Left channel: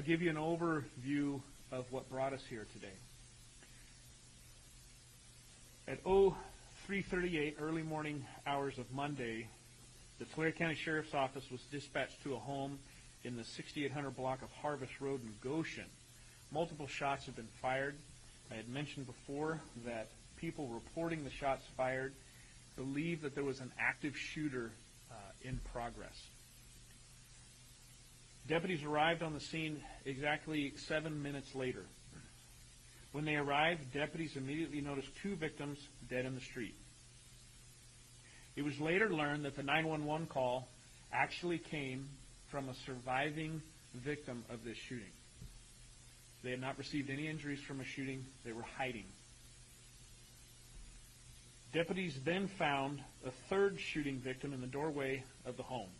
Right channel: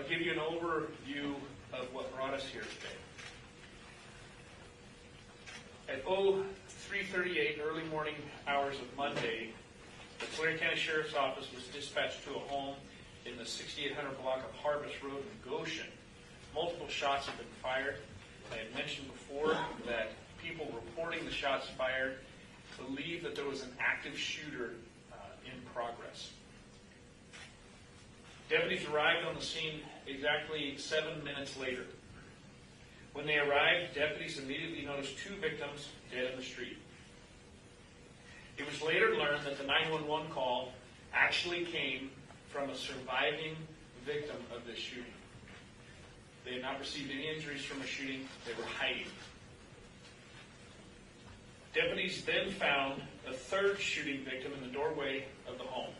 I'll give you an overview of what brought us here today. At 03:38, early morning hours of Monday, the Tulare County Sheriff's Office was dispatched to a home in the 6800 block of Harvest Road in Goshen. Multiple shots had been fired. I had mentioned before that people reporting the shots fired believed that there was an active shooter in progress. Deputies arrived on the scene exactly 7 minutes later. When they arrived, deputies immediately noticed two victims dead in the street. It was later learned that the 911 call actually came from a surviving victim of this shooting. They had not received any injuries from a shooting. They were hiding. Deputies then found a third shooting victim in the doorway of the home.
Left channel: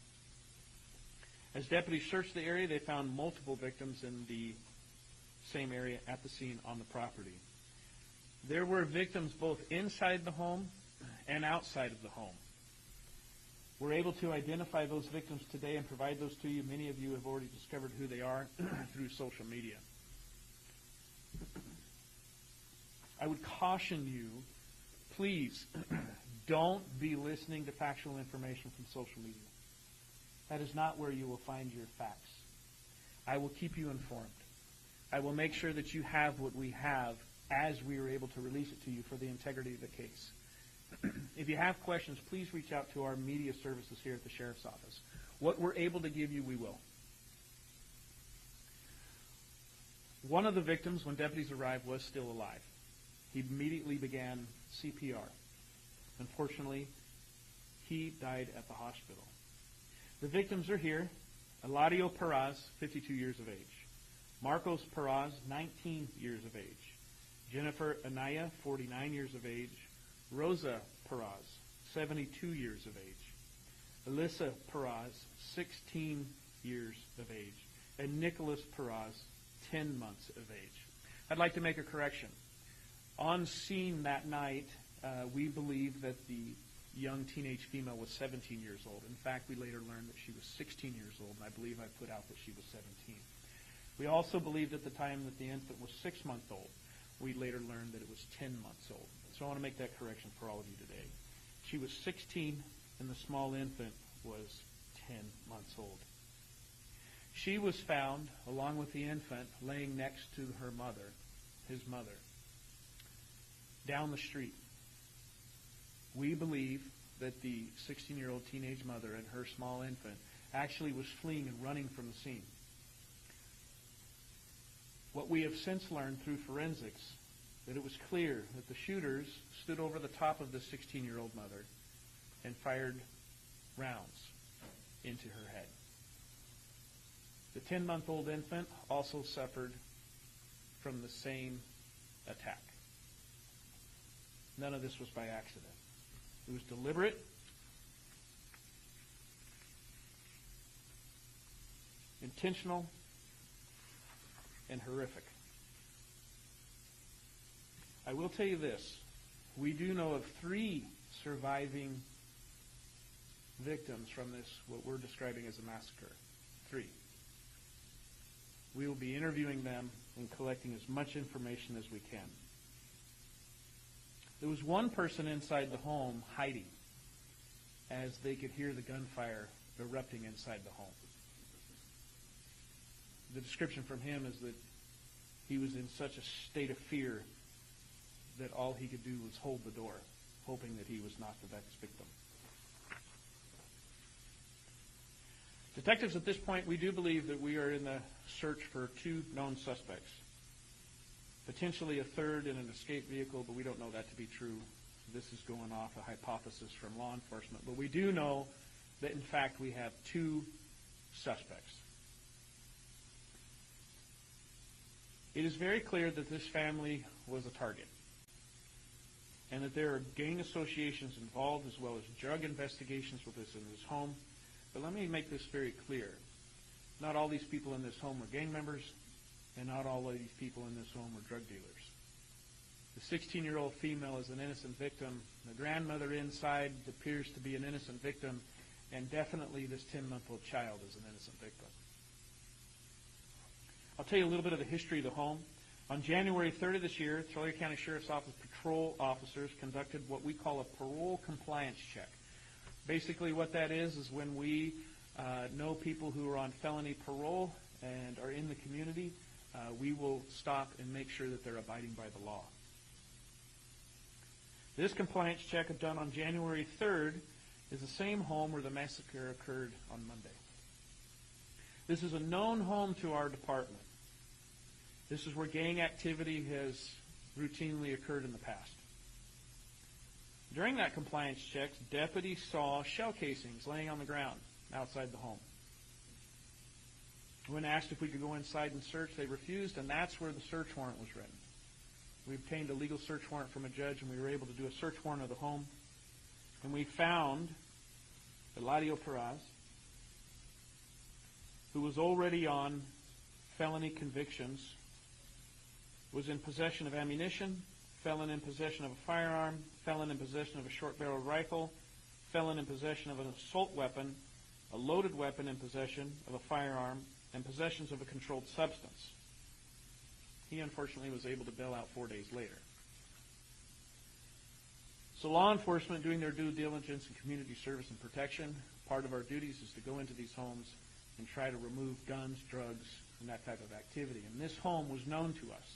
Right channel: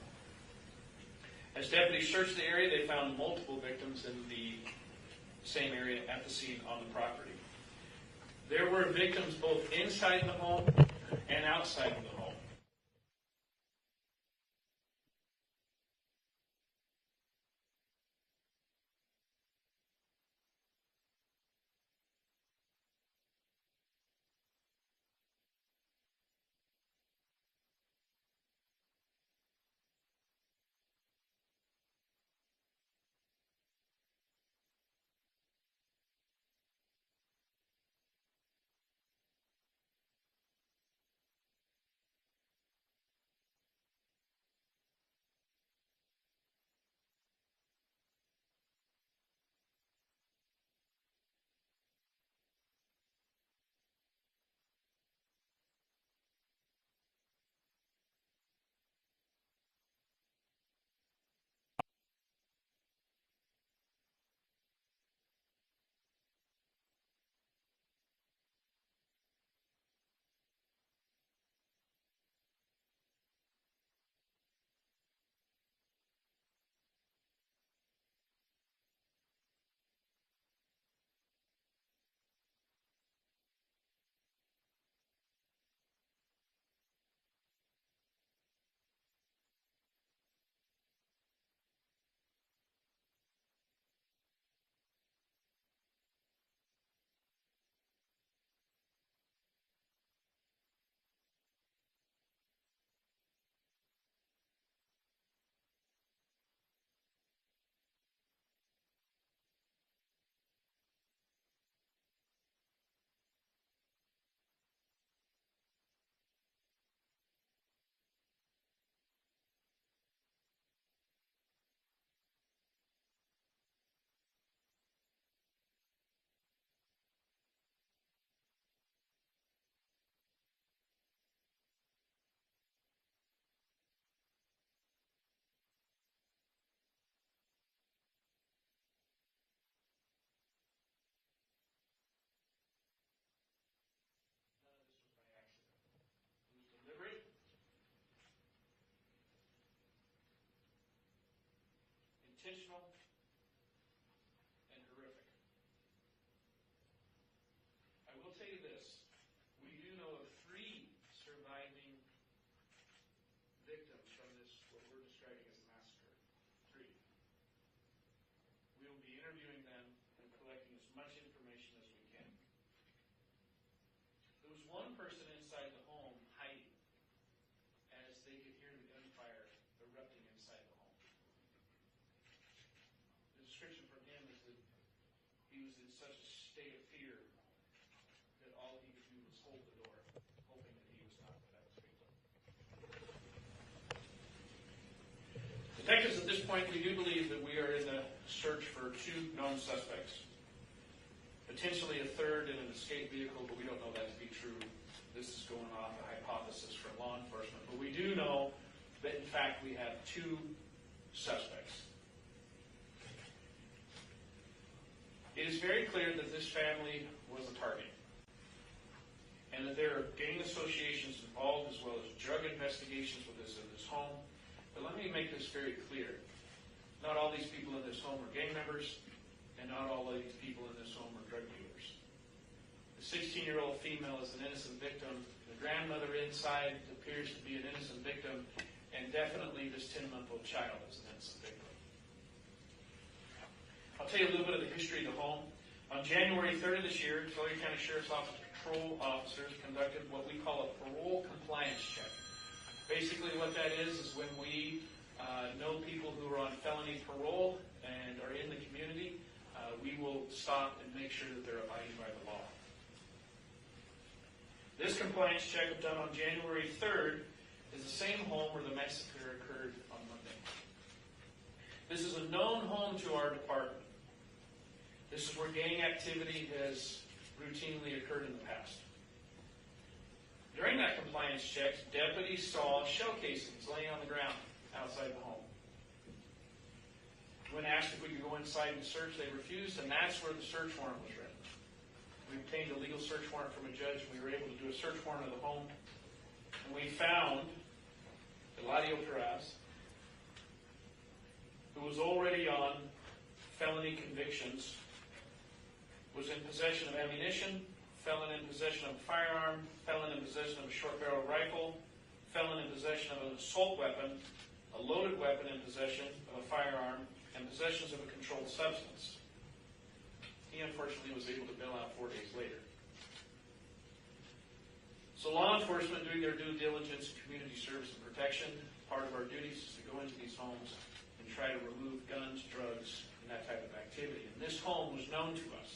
As deputies searched the area, they found multiple victims in the same area at the scene on the property. There were victims both inside the home and outside of the home. We're able to identify those victims today and provide those to you. Many of you have already discovered who they are through social media. I would caution you, please don't be listening to factual information from social media. That is not where you will find your facts. I will keep you informed. I will make sure that you have what we have as we are able to release it to you for the integrity of the case. If you have questions, please reach out to our media services here at the Sheriff's Office. What we're able to give you, we will. One of the victims, when deputies arrived, was still alive. He immediately began CPR. Unfortunately, he died at the hospital. The victims are here. Eladio Perez, 52 years of age. Marcos Perez, 19 years of age. Jennifer Anaya, 49 years of age. Rosa Perez, 72 years of age. Alyssa Perez, 16 years of age. And Nicholas Perez, 10 months of age. I'd like to make a correction. On scene that night, we believe that the young teenage female was 17 years old. In fact, we later learned that she was 16 years old, and I believe I put out that she was 17. We also believed at the time that the infant was 6 months old. We later learned that it was 10 months old. So I want to make that correction for all of you today. She was 16, and the small infant was 10 months old. She was found, along with the infant, laying next to her mother, his mother, down the street. We believe that the 16-year-old teenage mother and her small infant actually was fleeing and running from the scene. What we have since learned through forensics, that it was clear that the shooters stood over the top of the 16-year-old mother and fired rounds into her head. The 10-month-old infant also suffered from the same attack. None of this was by accident. It was deliberate. Intentional, and horrific. I will tell you this. We do know of 3 surviving victims from this, what we're describing as a massacre. 3. We will be interviewing them and collecting as much information as we can. There was one person inside the home hiding as they could hear the gunfire erupting inside the home. The description from him is that he was in such a state of fear that all he could do was hold the door, hoping that he was not the next victim. Detectives, at this point, we do believe that we are in the search for 2 known suspects. Potentially a third in an escape vehicle, but we don't know that to be true. This is going off a hypothesis from law enforcement. But we do know that, in fact, we have 2 suspects. It is very clear that this family was a target, and that there are gang associations involved, as well as drug investigations with us in this home. But let me make this very clear. Not all these people in this home are gang members, and not all of these people in this home are drug dealers. The 16-year-old female is an innocent victim. The grandmother inside appears to be an innocent victim, and definitely this 10-month-old child is an innocent victim. I'll tell you a little bit of the history of the home. On January 3rd of this year, Tulare County Sheriff's Office patrol officers conducted what we call a parole compliance check. Basically what that is when we know people who are on felony parole and are in the community, we will stop and make sure that they're abiding by the law. This compliance check done on January 3rd is the same home where the massacre occurred on Monday. This is a known home to our department. This is where gang activity has routinely occurred in the past. During that compliance check, deputies saw shell casings laying on the ground outside the home. When asked if we could go inside and search, they refused, and that's where the search warrant was read. We obtained a legal search warrant from a judge, and we were able to do a search warrant of the home. And we found Eladio Perez, who was already on felony convictions, was in possession of ammunition, felon in possession of a firearm, felon in possession of a short-barreled rifle, felon in possession of an assault weapon, a loaded weapon in possession of a firearm, and possessions of a controlled substance. He unfortunately was able to bail out 4 days later. So law enforcement, doing their due diligence in community service and protection, part of our duties is to go into these homes and try to remove guns, drugs, and that type of activity. And this home was known to us.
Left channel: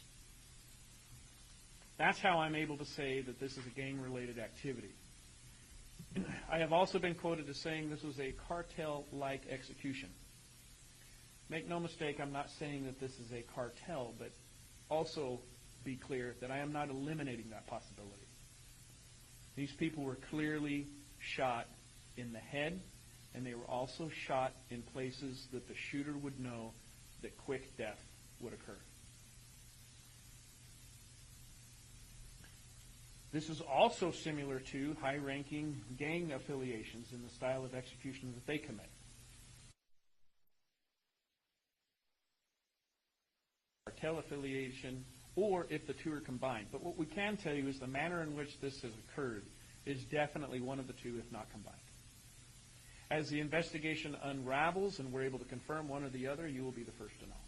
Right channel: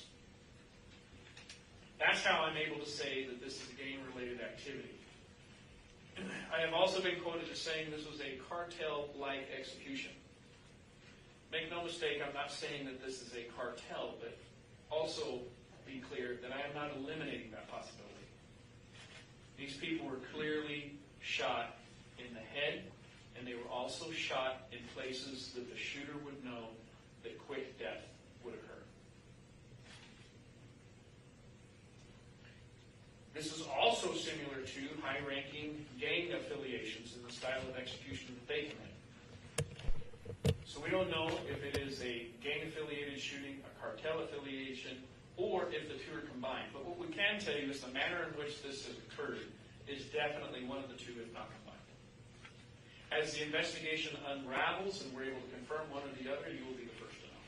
That's how I'm able to say that this is a gang-related activity. I have also been quoted as saying this was a cartel-like execution. Make no mistake, I'm not saying that this is a cartel, but also be clear that I am not eliminating that possibility. These people were clearly shot in the head, and they were also shot in places that the shooter would know that quick death would occur. This is also similar to high-ranking gang affiliations in the style of execution that they commit. So we don't know if it is a gang-affiliated shooting, a cartel affiliation, or if the two are combined. But what we can tell you is the manner in which this has occurred is definitely one of the two, if not combined. As the investigation unravels and we're able to confirm one or the other, you will be the first to know.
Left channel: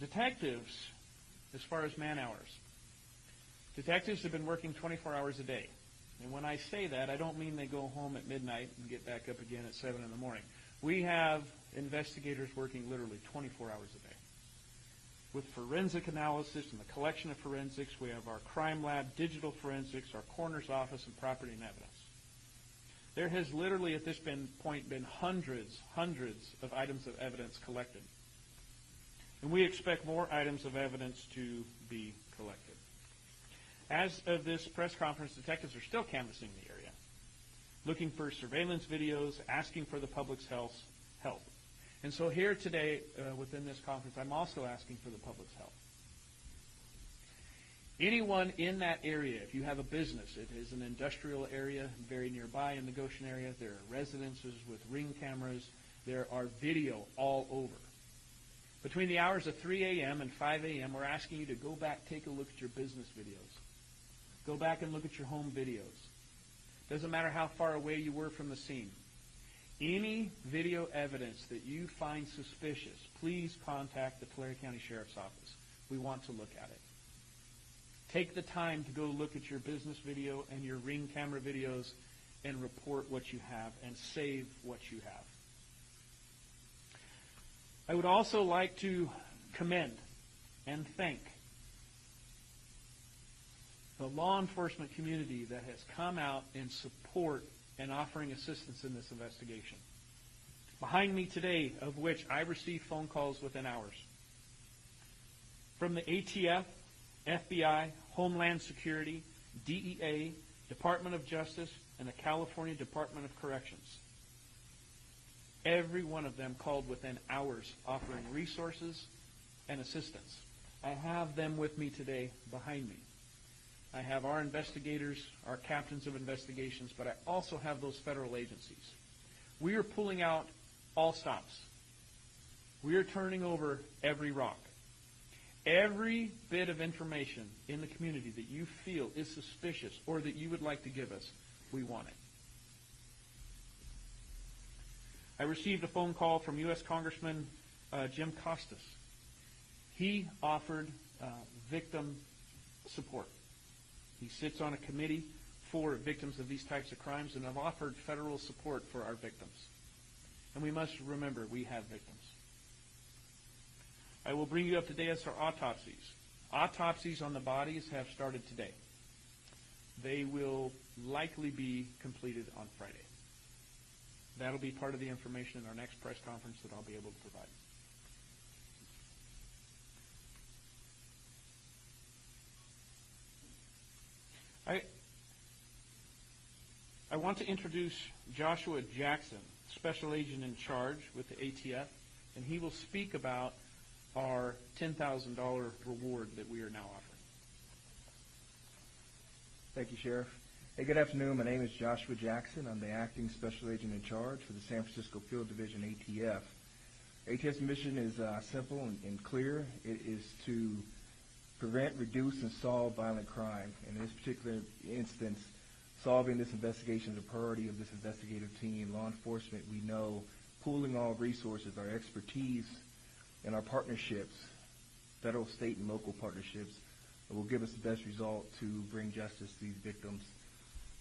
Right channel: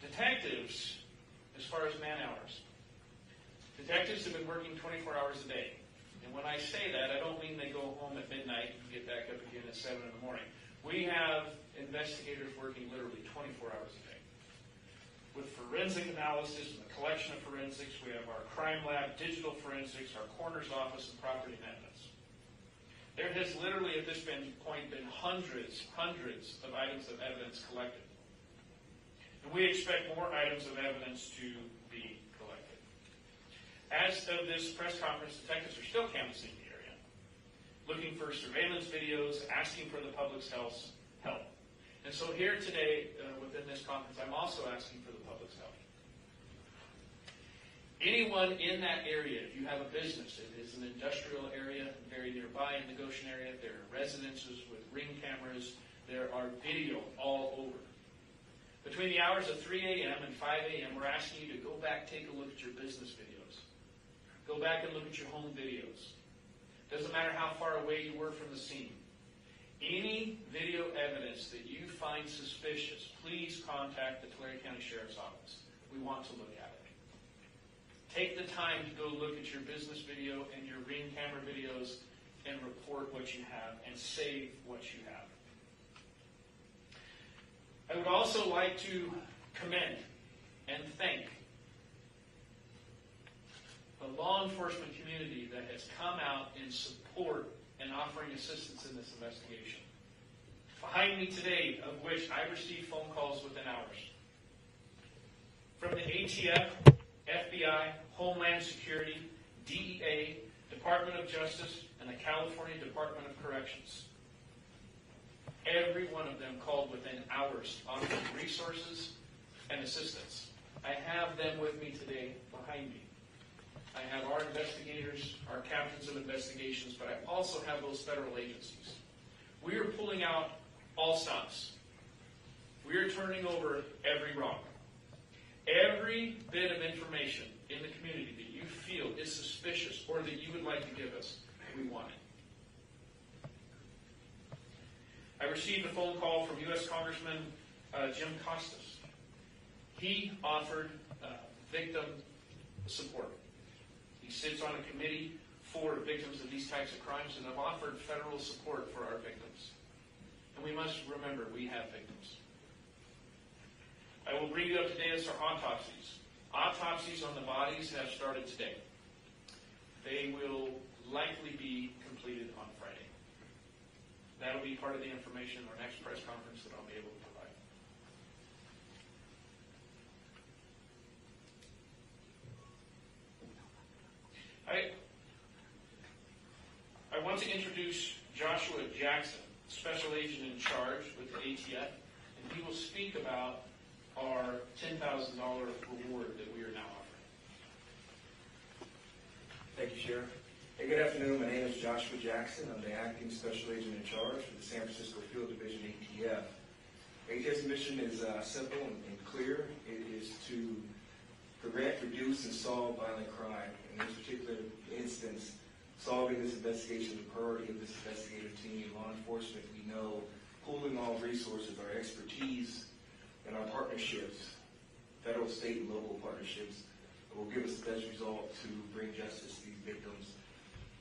Detectives, as far as man hours, detectives have been working 24 hours a day. And when I say that, I don't mean they go home at midnight and get back up again at 7 in the morning. We have investigators working literally 24 hours a day. With forensic analysis and the collection of forensics, we have our crime lab, digital forensics, our coroner's office, and property and evidence. There has literally at this point been hundreds of items of evidence collected. And we expect more items of evidence to be collected. As of this press conference, detectives are still canvassing the area, looking for surveillance videos, asking for the public's help. And so here today, within this conference, I'm also asking for the public's help. Anyone in that area, if you have a business, it is an industrial area very nearby in the Goshen area, there are residences with ring cameras, there are video all over. Between the hours of 3 a.m. and 5 a.m., we're asking you to go back, take a look at your business videos. Go back and look at your home videos. Doesn't matter how far away you were from the scene. Any video evidence that you find suspicious, please contact the Tulare County Sheriff's Office. We want to look at it. Take the time to go look at your business video and your ring camera videos and report what you have and save what you have. I would also like to commend and thank the law enforcement community that has come out in support and offering assistance in this investigation. Behind me today, of which I received phone calls within hours, from the ATF, FBI, Homeland Security, DEA, Department of Justice, and the California Department of Corrections. Every one of them called within hours, offering resources and assistance. I have them with me today behind me. I have our investigators, our captains of investigations, but I also have those federal agencies. We are pulling out all stops. We are turning over every rock. Every bit of information in the community that you feel is suspicious or that you would like to give us, we want it. I received a phone call from U.S. Congressman Jim Costas. He offered victim support. He sits on a committee for victims of these types of crimes and have offered federal support for our victims. And we must remember we have victims. I will bring you up to date as to autopsies. Autopsies on the bodies have started today. They will likely be completed on Friday. That'll be part of the information in our next press conference that I'll be able to provide. I want to introduce Joshua Jackson, Special Agent in charge with the ATF, and he will speak about our $10,000 reward that we are now offering. Thank you, Sheriff. Hey, good afternoon. My name is Joshua Jackson. I'm the Acting Special Agent in charge for the San Francisco Field Division ATF. ATF's mission is simple and clear. It is to prevent, reduce, and solve violent crime. In this particular instance, solving this investigation is a priority of this investigative team. Law enforcement, we know, pooling all resources, our expertise, and our partnerships, federal, state, and local partnerships, will give us the best result to bring justice to these victims.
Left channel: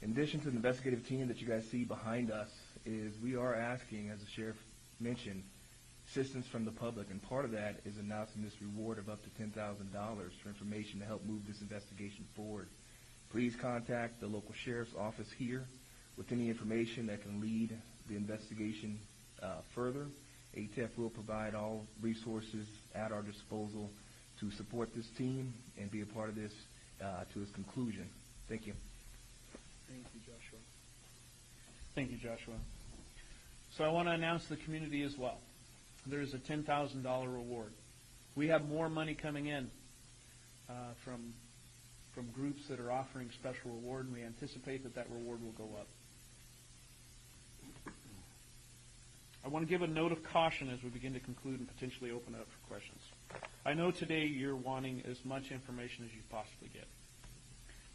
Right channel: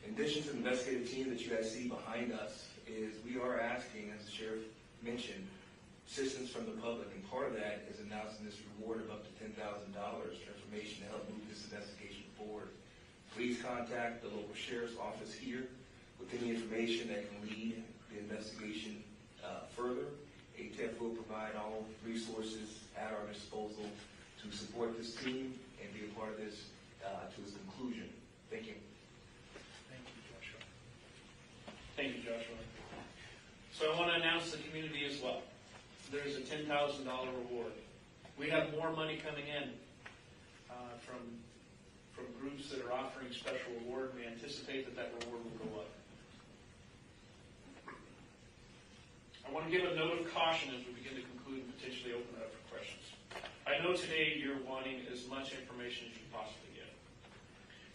In addition to the investigative team that you guys see behind us, is we are asking, as the Sheriff mentioned, assistance from the public, and part of that is announcing this reward of up to $10,000 for information to help move this investigation forward. Please contact the local Sheriff's office here with any information that can lead the investigation further. ATF will provide all resources at our disposal to support this team and be a part of this to its conclusion. Thank you. Thank you, Joshua. Thank you, Joshua. So I want to announce to the community as well. There's a $10,000 reward. We have more money coming in from groups that are offering special reward, and we anticipate that reward will go up. I want to give a note of caution as we begin to conclude and potentially open it up for questions. I know today you're wanting as much information as you possibly get.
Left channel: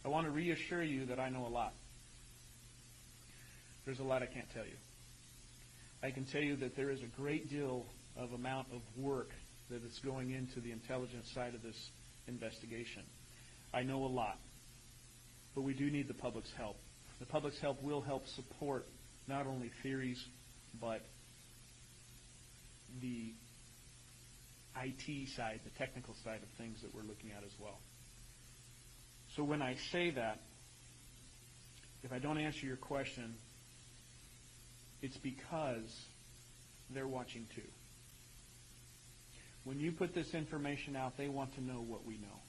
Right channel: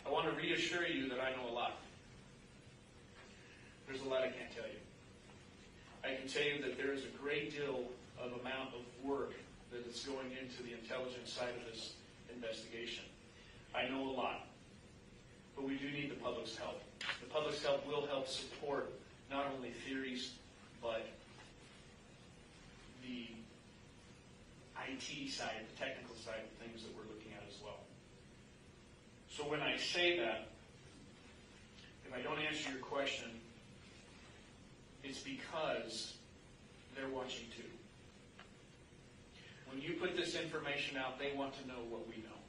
I want to reassure you that I know a lot. There's a lot I can't tell you. I can tell you that there is a great deal of amount of work that is going into the intelligence side of this investigation. I know a lot, but we do need the public's help. The public's help will help support not only theories, but the IT side, the technical side of things that we're looking at as well. So when I say that, if I don't answer your question, it's because they're watching too. When you put this information out, they want to know what we know.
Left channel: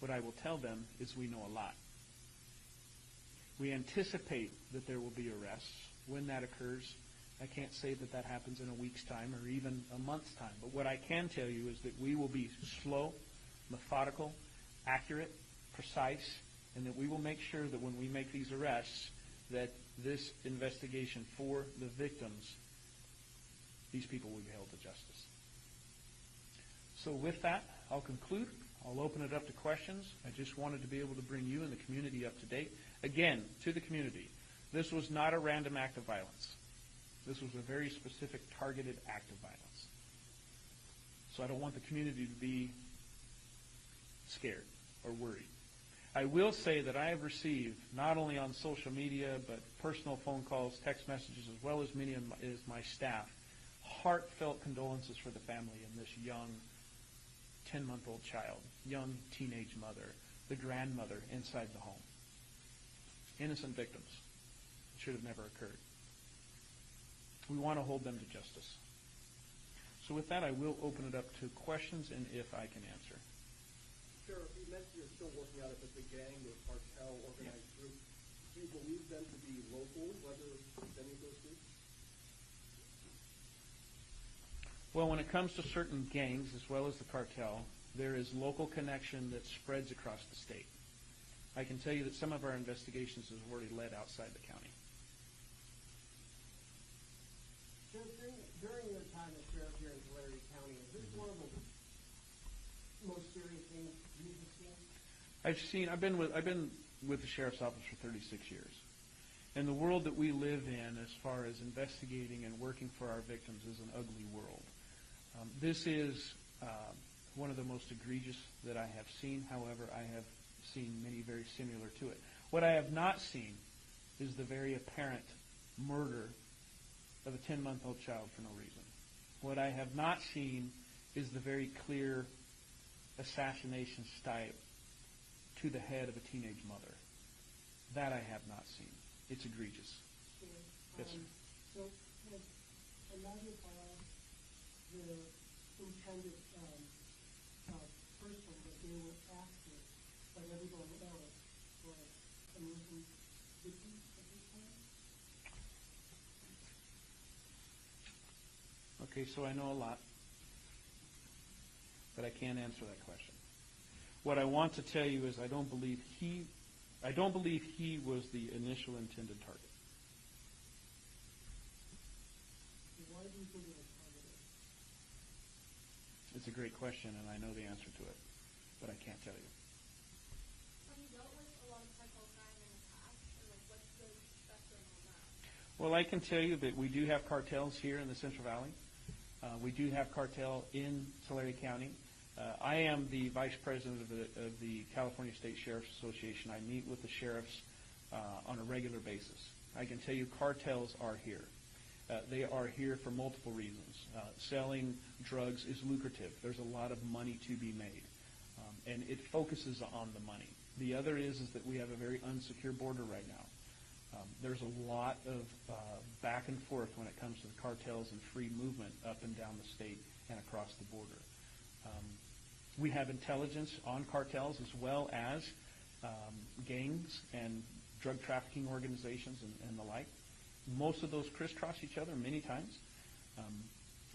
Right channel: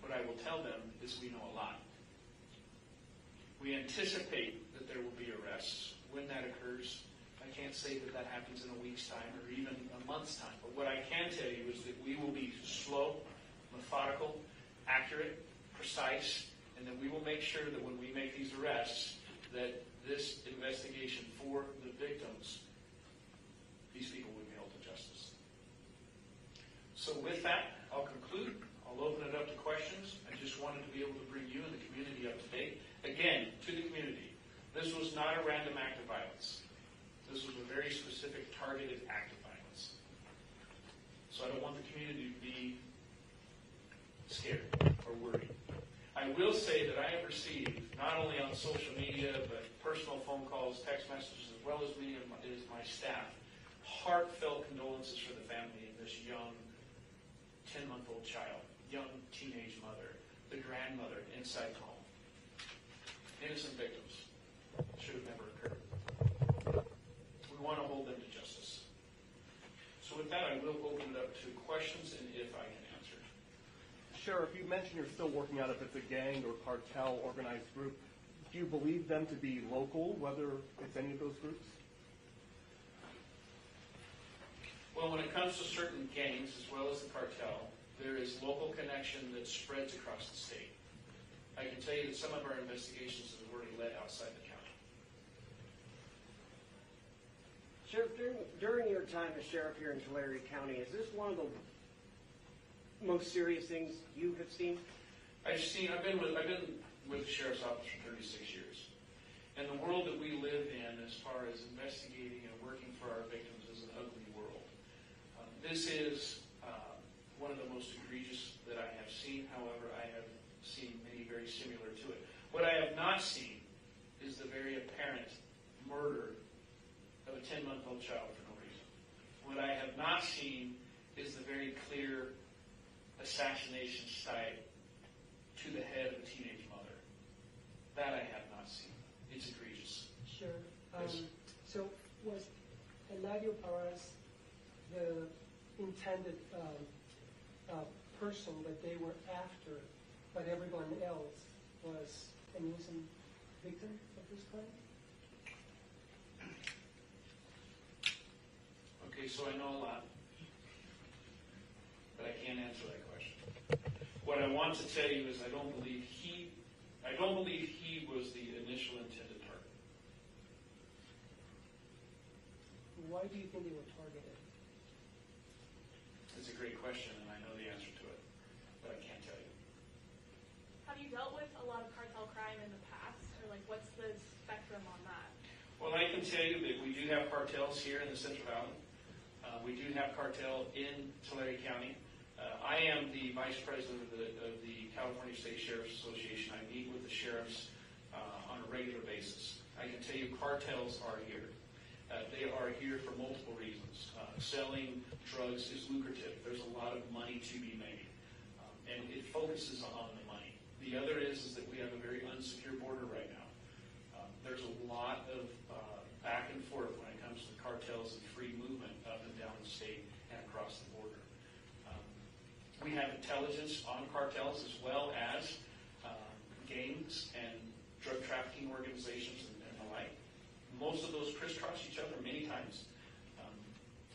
What I will tell them is we know a lot. We anticipate that there will be arrests. When that occurs, I can't say that that happens in a week's time or even a month's time. But what I can tell you is that we will be slow, methodical, accurate, precise, and that we will make sure that when we make these arrests, that this investigation for the victims, these people will be held to justice. So with that, I'll conclude. I'll open it up to questions. I just wanted to be able to bring you and the community up to date. Again, to the community, this was not a random act of violence. This was a very specific, targeted act of violence. So I don't want the community to be scared or worried. I will say that I have received, not only on social media, but personal phone calls, text messages, as well as me and my staff, heartfelt condolences for the family and this young 10-month-old child, young teenage mother, the grandmother inside the home. Innocent victims. Should have never occurred. We want to hold them to justice. So with that, I will open it up to questions, and if I can answer. Sheriff, you mentioned you're still working out if it's a gang or cartel organized group. Do you believe them to be local, whether it's any of those groups? Well, when it comes to certain gangs, as well as the cartel, there is local connection that spreads across the state. I can tell you that some of our investigations have already led outside the county. Sheriff, during your time as sheriff here in Tulare County, is this one of the most serious things you have seen? I've been with the sheriff's office for 36 years. And the world that we live in as far as investigating and working for our victims is an ugly world. This is one of the most egregious that I have seen. However, I have seen many very similar to it. What I have not seen is the very apparent murder of a 10-month-old child for no reason. What I have not seen is the very clear assassination site to the head of a teenage mother. That I have not seen. It's egregious. Sure. Yes. So was Eladio Perez the intended person that they were after, but everyone else was an innocent victim at this point? Okay, so I know a lot, but I can't answer that question. What I want to tell you is I don't believe he was the initial intended target. Why do you think they were targeted? It's a great question, and I know the answer to it, but I can't tell you. Have you dealt with a lot of cartel crime in the past, or like what's the spectrum on that? Well, I can tell you that we do have cartels here in the Central Valley. We do have cartel in Tulare County. I am the vice president of the California State Sheriff's Association. I meet with the sheriffs on a regular basis. I can tell you cartels are here. They are here for multiple reasons. Selling drugs is lucrative. There's a lot of money to be made, and it focuses on the money. The other is that we have a very unsecure border right now. There's a lot of back and forth when it comes to the cartels and free movement up and down the state and across the border. We have intelligence on cartels as well as gangs and drug trafficking organizations and the like. Most of those crisscross each other many times.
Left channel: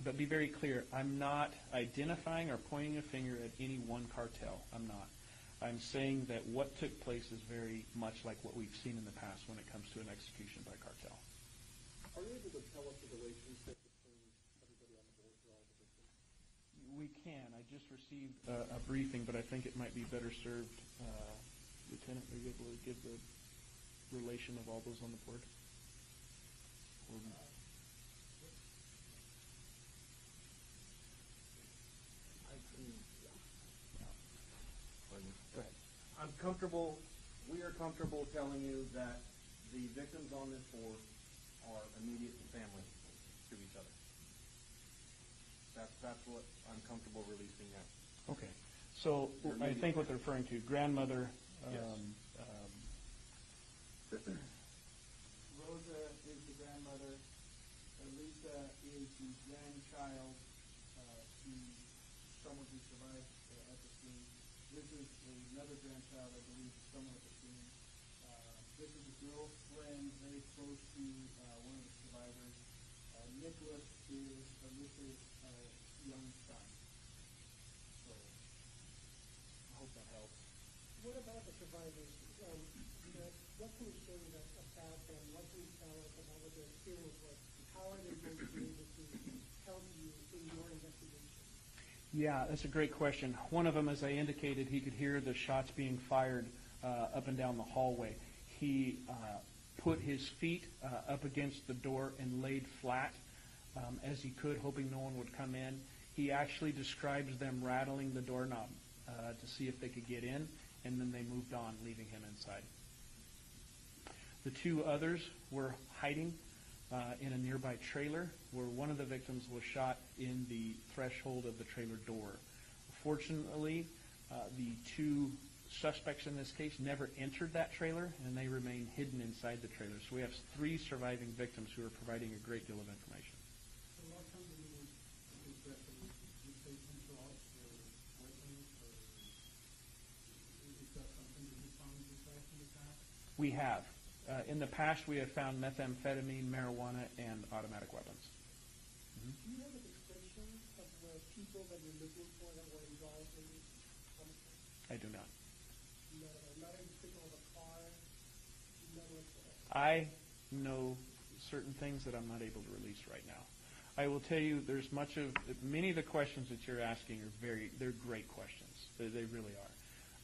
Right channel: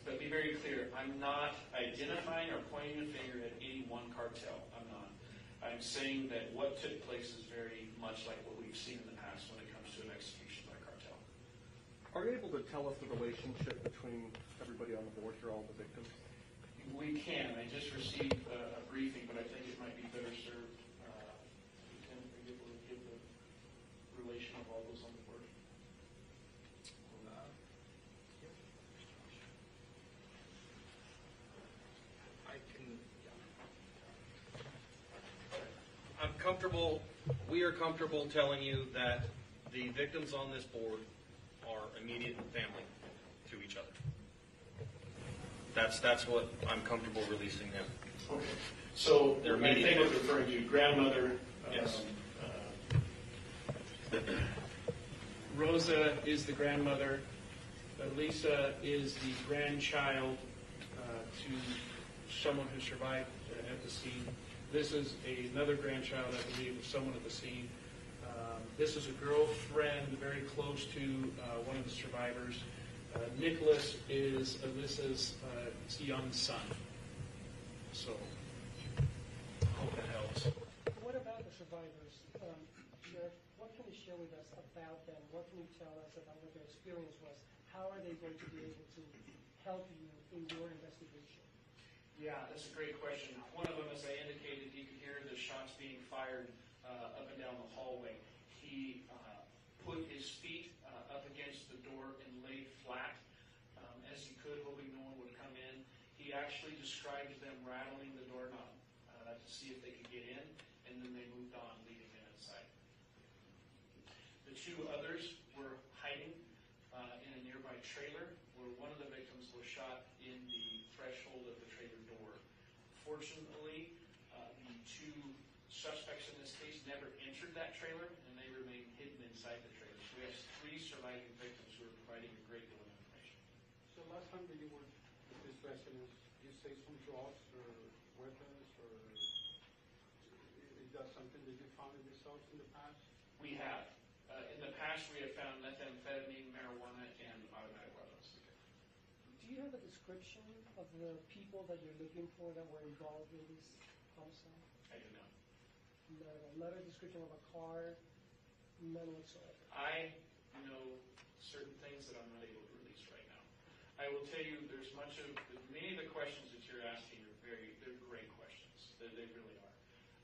But be very clear, I'm not identifying or pointing the finger at any one cartel. I'm not. I'm saying that what took place is very much like what we've seen in the past when it comes to an execution by cartel. Are you able to tell us the relationship between everybody on the board here, all the victims? We can. I just received a briefing, but I think it might be better served, Lieutenant, are you able to give the relation of all those on the board? We are comfortable telling you that the victims on this board are immediate family to each other. That's what I'm comfortable releasing them. Okay. So They're I think immediate. it's referring to grandmother. Yes. Rosa is the grandmother. Lisa is the grandchild to someone who survived at the scene. This is another grandchild, I believe, of someone at the scene. This is a girlfriend very close to one of the survivors. Nicholas is Alyssa's young son. So, I hope that helps. What about the survivors? What can you share with us about them? What can you tell us about what their experience was? How are they going to be able to help you in your investigation? Yeah, that's a great question. One of them, as I indicated, he could hear the shots being fired up and down the hallway. He put his feet up against the door and laid flat as he could, hoping no one would come in. He actually describes them rattling the doorknob to see if they could get in, and then they moved on, leaving him inside. The two others were hiding in a nearby trailer where one of the victims was shot in the threshold of the trailer door. Fortunately, the two suspects in this case never entered that trailer, and they remain hidden inside the trailer. So we have 3 surviving victims who are providing a great deal of information. So last time that you were interested, did you say some drugs or weapons, or is that something that you found yourself in the past? We have. In the past, we have found methamphetamine, marijuana, and automatic weapons. Do you have a description of the people that you're looking for that were involved in this homicide? I do not. Not a description of a car, none whatsoever. I know certain things that I'm not able to release right now. I will tell you, there's many of the questions that you're asking they're great questions. They really are.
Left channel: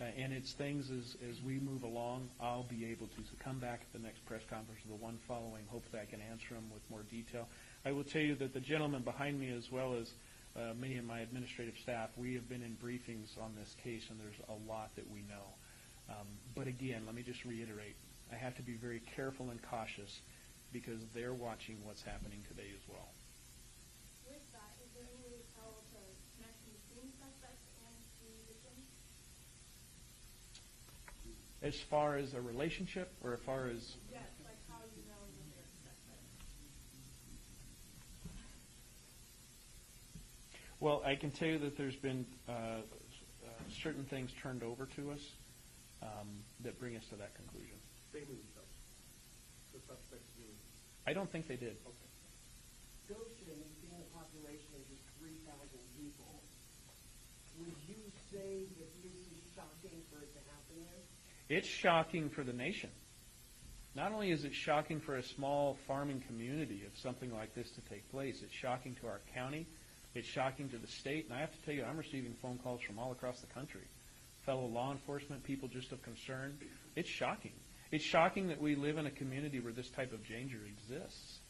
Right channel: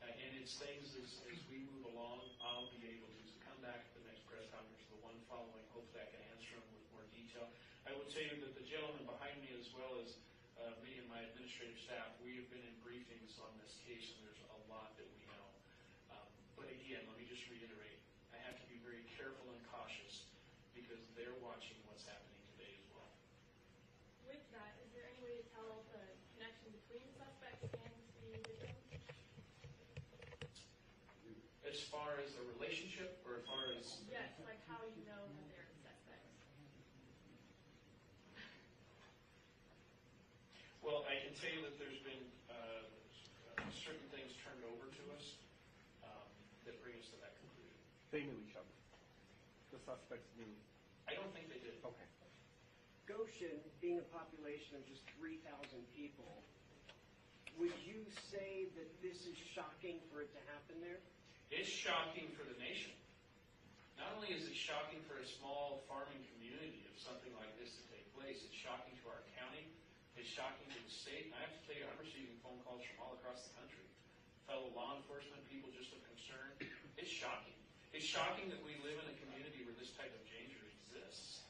And it's things as we move along, I'll be able to come back at the next press conference or the one following. Hopefully I can answer them with more detail. I will tell you that the gentleman behind me, as well as me and my administrative staff, we have been in briefings on this case, and there's a lot that we know. But again, let me just reiterate, I have to be very careful and cautious because they're watching what's happening today as well. With that, is there any way to tell the connection between the suspect and the victim? As far as a relationship, or as far as Yes, like how you know that they're a suspect. well, I can tell you that there's been certain things turned over to us that bring us to that conclusion. They knew each other. The suspects knew. I don't think they did. Okay. Goshen, being a population of just 3,000 people, would you say that this is shocking for it to happen there? It's shocking for the nation. Not only is it shocking for a small farming community of something like this to take place, it's shocking to our county, it's shocking to the state, and I have to tell you, I'm receiving phone calls from all across the country. Fellow law enforcement, people just of concern. It's shocking. It's shocking that we live in a community where this type of danger exists.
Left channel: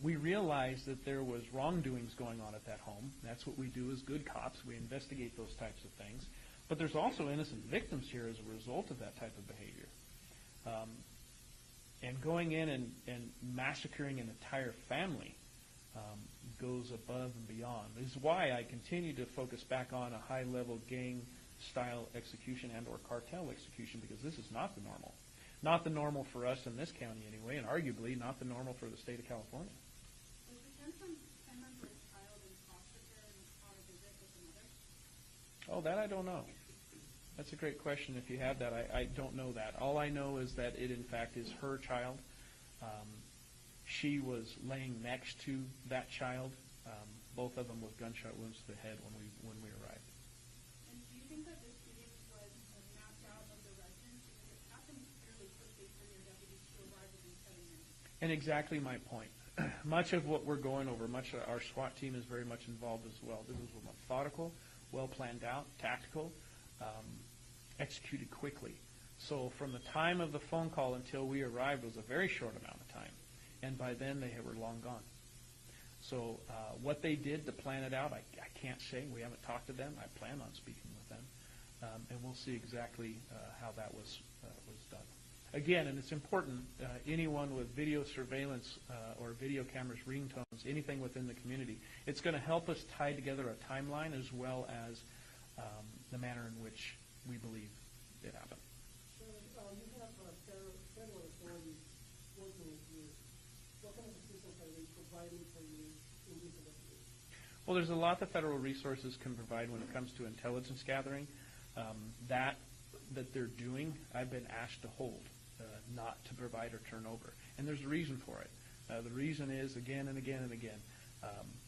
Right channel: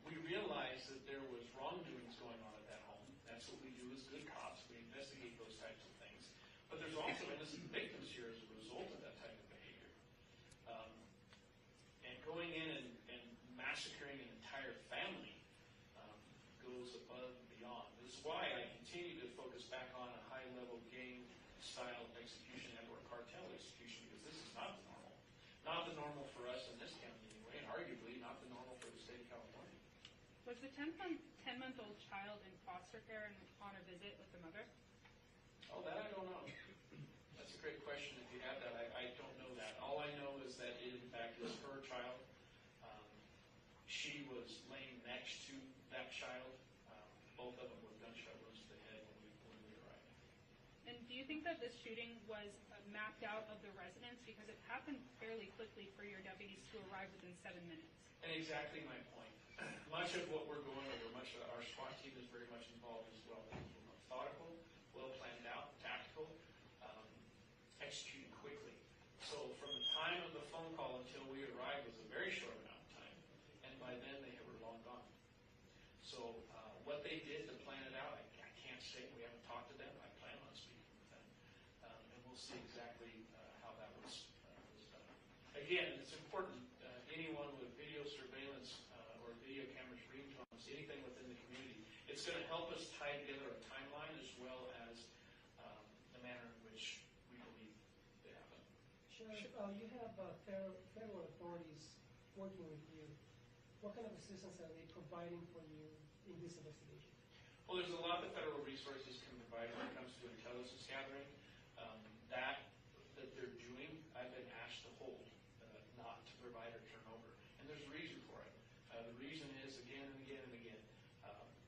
We realized that there was wrongdoings going on at that home. That's what we do as good cops. We investigate those types of things. But there's also innocent victims here as a result of that type of behavior. And going in and massacring an entire family goes above and beyond. This is why I continue to focus back on a high-level gang-style execution and or cartel execution, because this is not the normal. Not the normal for us in this county anyway, and arguably not the normal for the state of California. Was the 10-month-old child in foster care and on a visit with the mother? Oh, that I don't know. That's a great question. If you have that, I don't know that. All I know is that it, in fact, is her child. She was laying next to that child, both of them with gunshot wounds to the head when we arrived. And do you think that this shooting was mapped out of the residence? Because it happened fairly quickly for your deputies to arrive within 7 minutes. And exactly my point. Much of what we're going over, much of our SWAT team is very much involved as well. This was methodical, well planned out, tactical, executed quickly. So from the time of the phone call until we arrived was a very short amount of time. And by then they were long gone. So what they did to plan it out, I can't say. We haven't talked to them. I plan on speaking with them. And we'll see exactly how that was done. Again, and it's important, anyone with video surveillance or video cameras, ringtones, anything within the community, it's going to help us tie together a timeline as well as the manner in which we believe it happened. Sure. You have federal authorities working with you. What kind of assistance are they providing for you in this investigation? Well, there's a lot that federal resources can provide when it comes to intelligence gathering. That they're doing, I've been asked to hold, not to provide or turn over. And there's a reason for it. The reason is, again and again and again,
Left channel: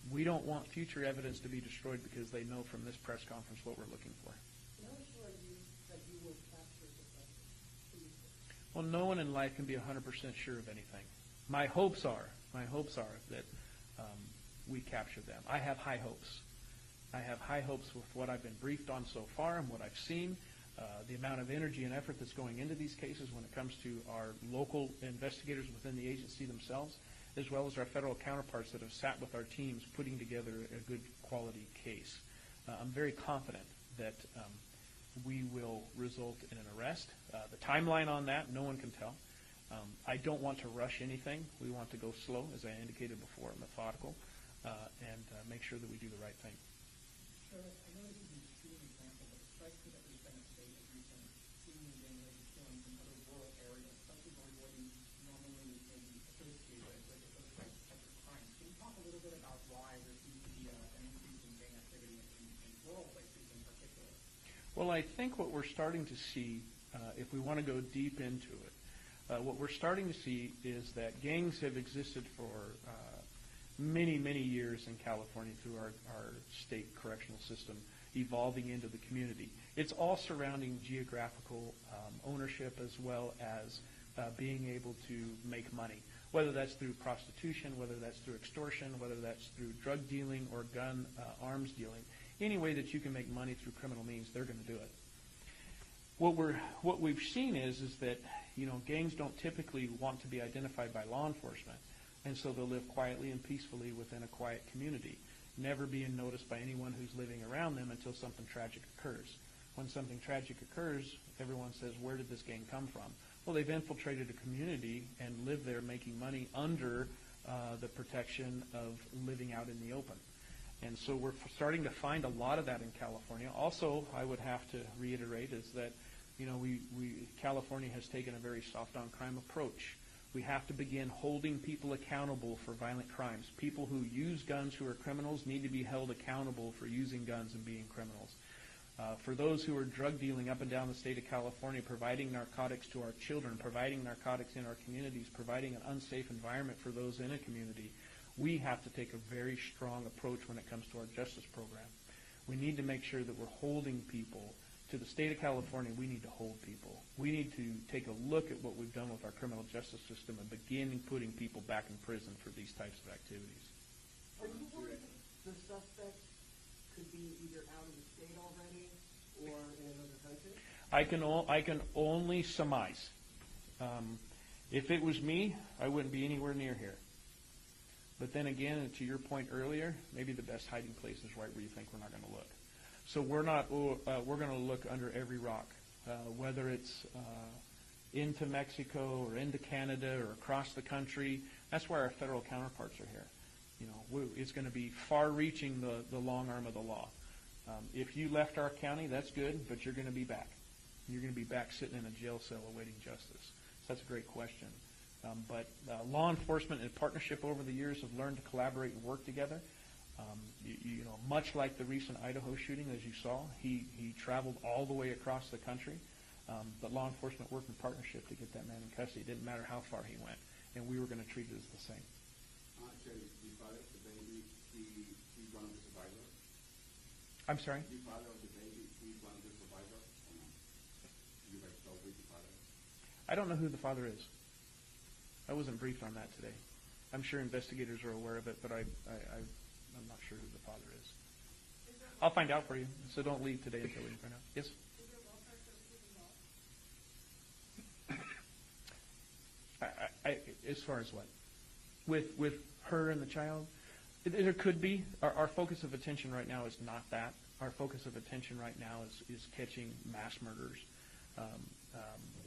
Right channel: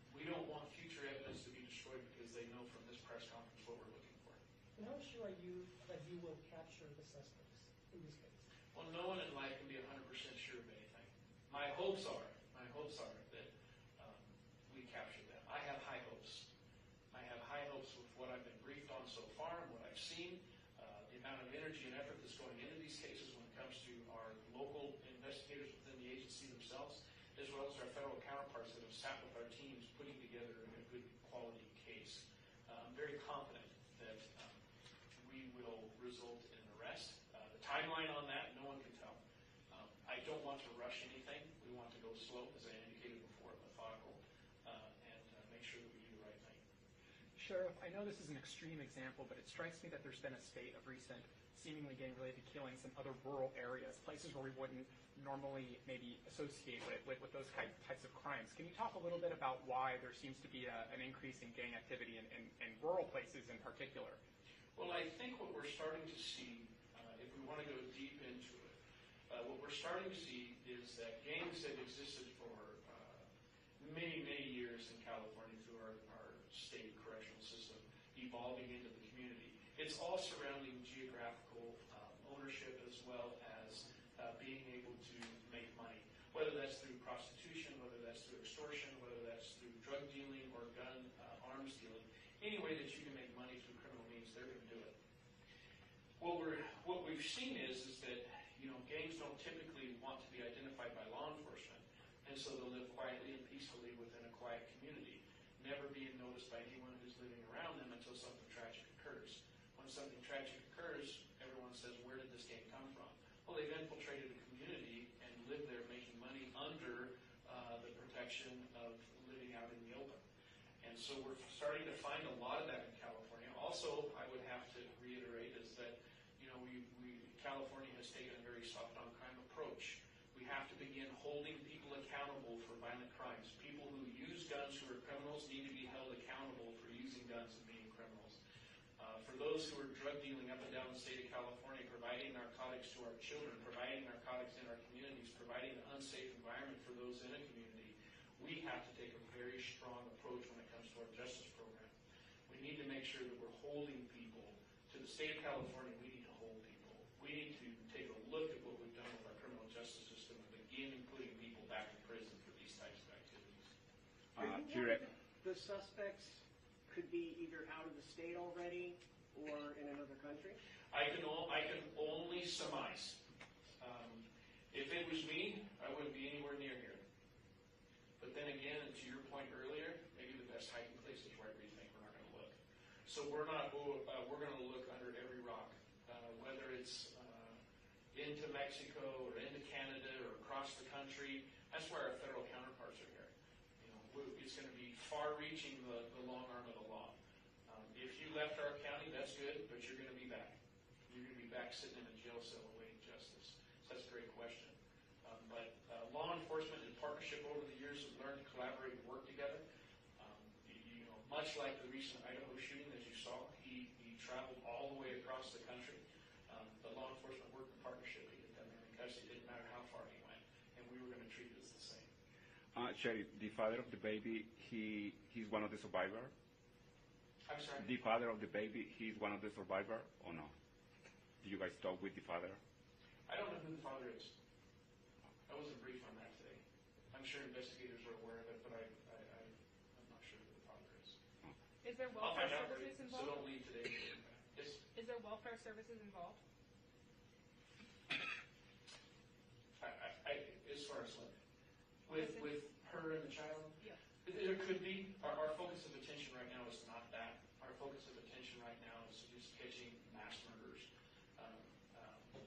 we don't want future evidence to be destroyed because they know from this press conference what we're looking for. And how sure are you that you will capture the suspect in this case? Well, no one in life can be 100% sure of anything. My hopes are that we capture them. I have high hopes. I have high hopes with what I've been briefed on so far and what I've seen, the amount of energy and effort that's going into these cases when it comes to our local investigators within the agency themselves, as well as our federal counterparts that have sat with our teams putting together a good quality case. I'm very confident that we will result in an arrest. The timeline on that, no one can tell. I don't want to rush anything. We want to go slow, as I indicated before, methodical, and make sure that we do the right thing. Sheriff, I know this is an extreme example, but it strikes me that there's been a spate of recent seemingly gang-related killings in other rural areas, places where we wouldn't normally maybe associate with those types of crimes. Can you talk a little bit about why there seems to be an increase in gang activity in rural places in particular? Well, I think what we're starting to see, if we want to go deep into it, what we're starting to see is that gangs have existed for many, many years in California through our state correctional system, evolving into the community. It's all surrounding geographical ownership as well as being able to make money, whether that's through prostitution, whether that's through extortion, whether that's through drug dealing or gun arms dealing. Any way that you can make money through criminal means, they're going to do it. What we've seen is that gangs don't typically want to be identified by law enforcement, and so they'll live quietly and peacefully within a quiet community. never being noticed by anyone who's living around them until something tragic occurs. When something tragic occurs, everyone says, where did this gang come from? Well, they've infiltrated a community and live there making money under the protection of living out in the open. And so we're starting to find a lot of that in California. Also, I would have to reiterate is that, California has taken a very soft on crime approach. We have to begin holding people accountable for violent crimes. People who use guns who are criminals need to be held accountable for using guns and being criminals. For those who are drug dealing up and down the state of California, providing narcotics to our children, providing narcotics in our communities, providing an unsafe environment for those in a community, we have to take a very strong approach when it comes to our justice program. We need to make sure that we're holding people. To the state of California, we need to hold people. We need to take a look at what we've done with our criminal justice system and begin putting people back in prison for these types of activities. The suspects could be either out of the state already or in another country? I can only surmise. If it was me, I wouldn't be anywhere near here. But then again, to your point earlier, maybe the best hiding place is right where you think we're not going to look. So we're going to look under every rock, whether it's into Mexico or into Canada or across the country. That's why our federal counterparts are here. It's going to be far-reaching the long arm of the law. If you left our county, that's good, but you're going to be back. You're going to be back sitting in a jail cell awaiting justice. So that's a great question. But law enforcement and partnership over the years have learned to collaborate and work together. Much like the recent Idaho shooting, as you saw, he traveled all the way across the country. But law enforcement worked in partnership to get that man in custody. It didn't matter how far he went, and we were going to treat it as the same. Sheriff, the father of the baby, he's one of the survivors? I'm sorry? The father of the baby, he's one of the survivors, or no? Do you guys talk with the father? I don't know who the father is. I wasn't briefed on that today. I'm sure investigators are aware of it, but I'm not sure who the father is. I'll find out for you, so don't leave today until we find out. Yes? Is there welfare services involved? As far as what? With her and the child? There could be. Our focus of attention right now is not that. Our focus of attention right now is catching mass murders.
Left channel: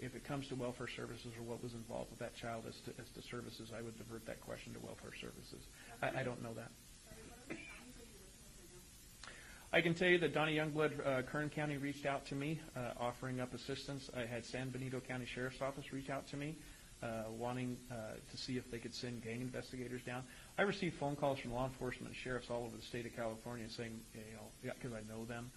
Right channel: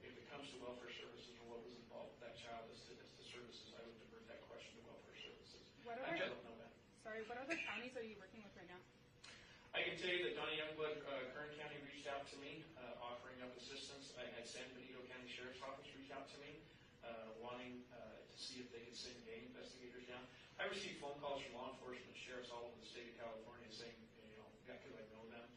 If it comes to welfare services or what was involved with that child as to services, I would divert that question to welfare services. I don't know that. Sorry, what other counties are you working with right now? I can tell you that Donnie Youngblood, Kern County, reached out to me, offering up assistance. I had San Benito County Sheriff's Office reach out to me, wanting to see if they could send gang investigators down. I received phone calls from law enforcement and sheriffs all over the state of California saying, because I know them,